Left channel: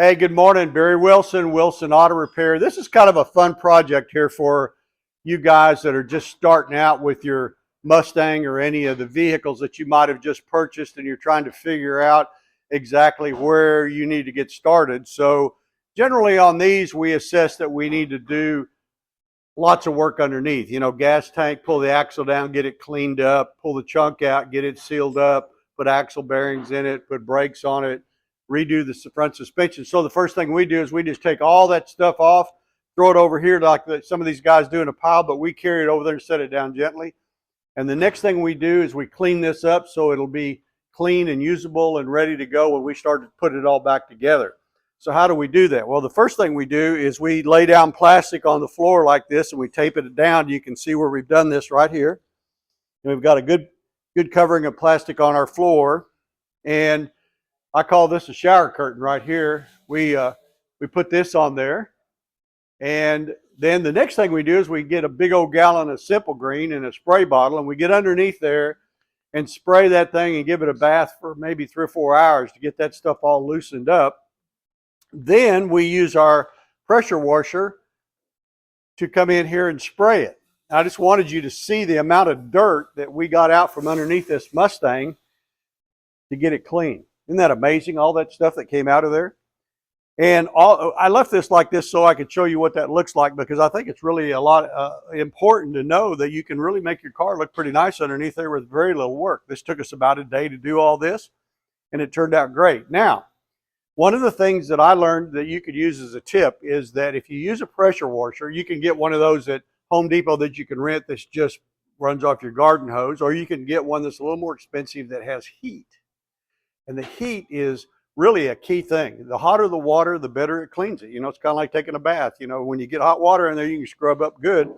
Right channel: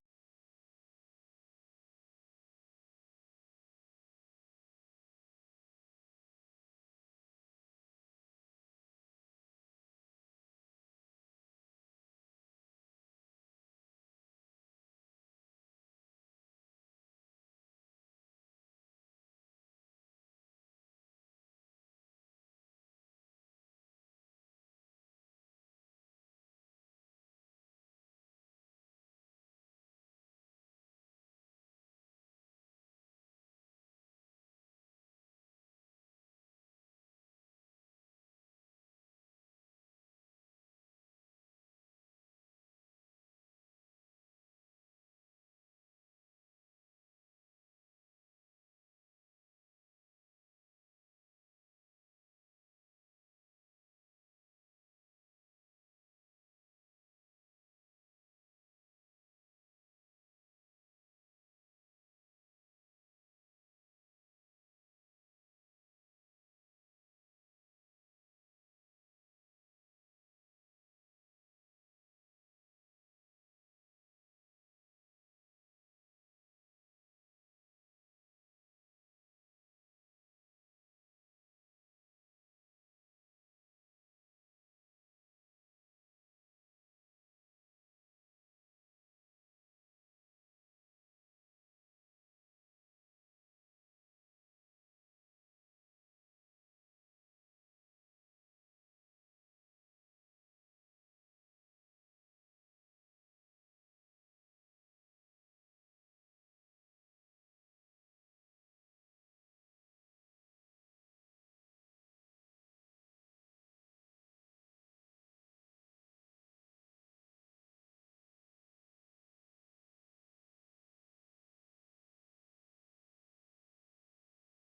Hey, good morning. Barry Wilson, Wilson Auto Repair. This is kind of a fun project here for you guys that are just starting out with your Mustang or any of the vehicles that you might have just purchased, and you're trying to figure out exactly where you need to get started. So generally on these, we assess that we need to do lots of work underneath. You know, gas tank, pull the axle down, get it cleaned up, pull the chunk out, get it sealed up, put axle bearings in it, put brakes on it, redo the front suspension. So the first thing we do is we just take all that stuff off, throw it over here like some of these guys do in a pile, but we carry it over there and set it down gently. And the next thing we do is we clean this up so it'll be clean and usable and ready to go when we start to put it all back together. So how do we do that? Well, the first thing we do is we lay down plastic on the floor like this and we tape it down. You can see where we've done this right here. And we've got a good covering of plastic on our floor. And I call this a shower curtain right here. We put this on there. And then the next thing we do is we get a big old gallon of Simple Green in a spray bottle, and we get underneath there and spray that thing and give it a bath for maybe 3 or 4 hours to get that stuff all loosened up. Then we use our pressure washer to come in here and spray it. I just wanted you to see the amount of dirt that we got out from underneath this Mustang to get it clean. Isn't that amazing, all that stuff that came out of there? And I left this like this so I could show you what that looks like, because I think it's really a lot important to know that you can really make your car look pretty nice underneath there with very little work. This took us about a day to do all this, and it turned out great. Now, one of the things that I learned that you could use as a tip is that if you use a pressure washer, you can get one of those at Home Depot that you can rent that just runs off your garden hose, or you can get one that's a little more expensive that has heat. And the heat is really a key thing. The hotter the water, the better it cleans it. You know, it's kind of like taking a bath. You know, when you get hot water in there, you can scrub up good.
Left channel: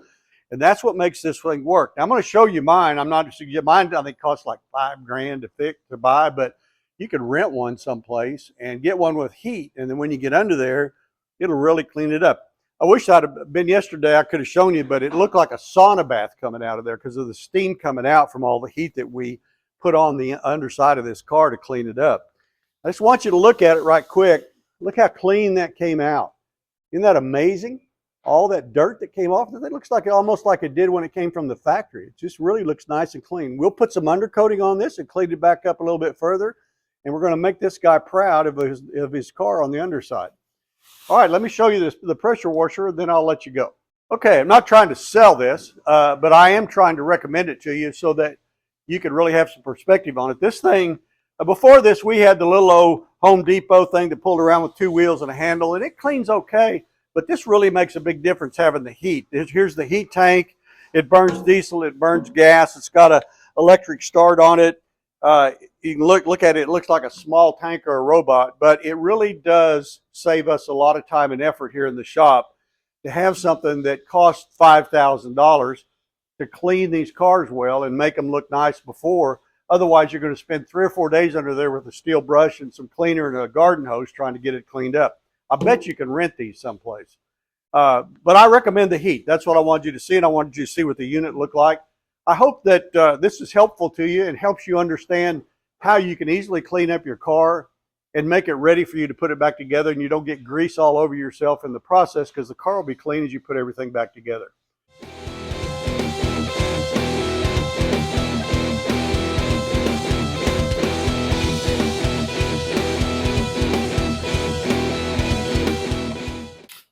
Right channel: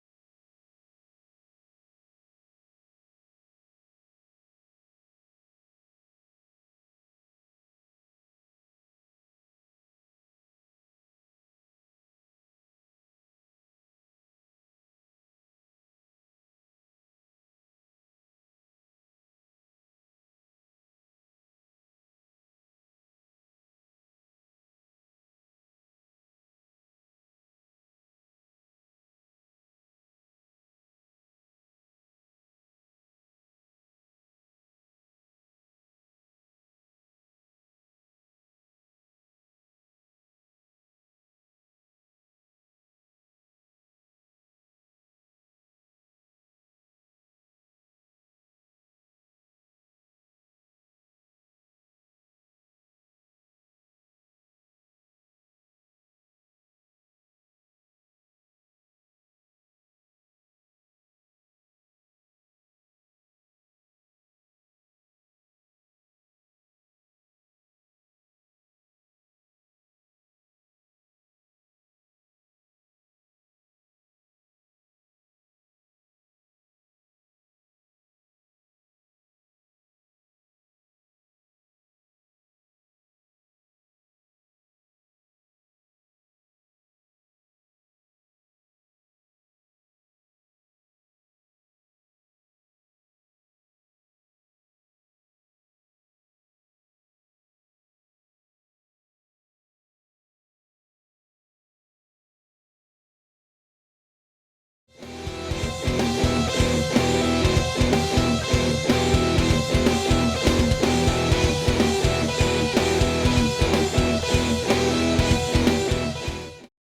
And that's what makes this thing work. Now, I'm going to show you mine. Mine I think costs like $5 grand to buy, but you can rent one someplace and get one with heat. And then when you get under there, it'll really clean it up. I wish I'd have been yesterday. I could have shown you, but it looked like a sauna bath coming out of there because of the steam coming out from all the heat that we put on the underside of this car to clean it up. I just want you to look at it right quick. Look how clean that came out. Isn't that amazing? All that dirt that came off, it looks like almost like it did when it came from the factory. It just really looks nice and clean. We'll put some undercoating on this and clean it back up a little bit further. And we're going to make this guy proud of his car on the underside. All right, let me show you the pressure washer, and then I'll let you go. Okay, I'm not trying to sell this, but I am trying to recommend it to you so that you can really have some perspective on it. This thing, before this, we had the little old Home Depot thing that pulled around with 2 wheels and a handle, and it cleans okay, but this really makes a big difference having the heat. Here's the heat tank. It burns diesel, it burns gas. It's got an electric start on it. You can look at it, it looks like a small tank or a robot, but it really does save us a lot of time and effort here in the shop to have something that costs $5,000 to clean these cars well and make them look nice before. Otherwise, you're going to spend 3 or 4 days under there with a steel brush and some cleaner and a garden hose trying to get it cleaned up. I bet you can rent these someplace. But I recommend the heat. That's what I wanted you to see, and I wanted you to see what the unit looked like. I hope that this is helpful to you and helps you understand how you can easily clean up your car and make it ready for you to put it back together, and you don't get grease all over yourself in the process, because the car will be clean as you put everything back together.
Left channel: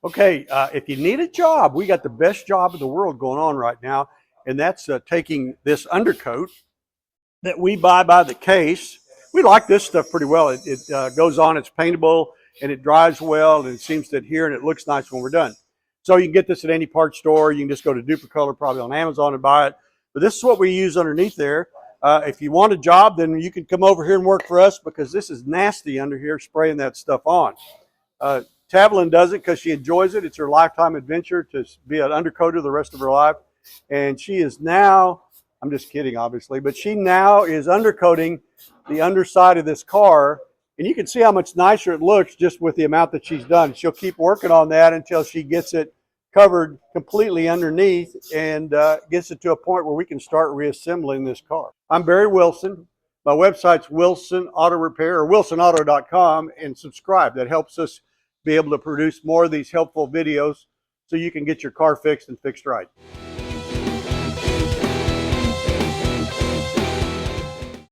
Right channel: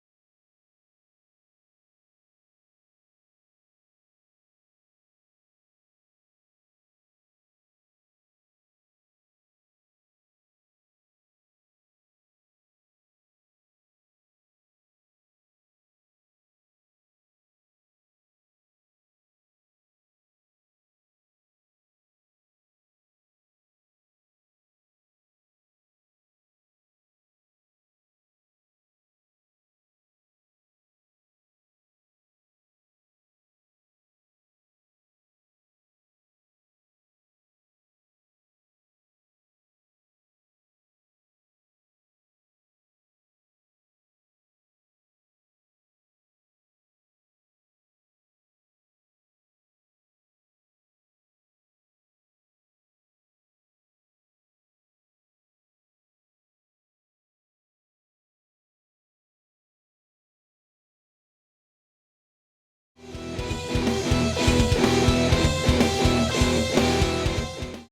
Okay, if you need a job, we got the best job in the world going on right now, and that's taking this undercoat that we buy by the case. We like this stuff pretty well. It goes on, it's paintable, and it dries well, and it seems to adhere, and it looks nice when we're done. So you can get this at any parts store. You can just go to Duplicolor, probably on Amazon, and buy it. But this is what we use underneath there. If you want a job, then you can come over here and work for us, because this is nasty under here spraying that stuff on. Tavelin does it because she enjoys it. It's her lifetime adventure to be an undercoater the rest of her life. And she is now, I'm just kidding, obviously, but she now is undercoating the underside of this car. And you can see how much nicer it looks just with the amount that she's done. She'll keep working on that until she gets it covered completely underneath and gets it to a point where we can start reassembling this car. I'm Barry Wilson. My website's Wilson Auto Repair, or wilsonauto.com, and subscribe. That helps us be able to produce more of these helpful videos so you can get your car fixed and fixed right.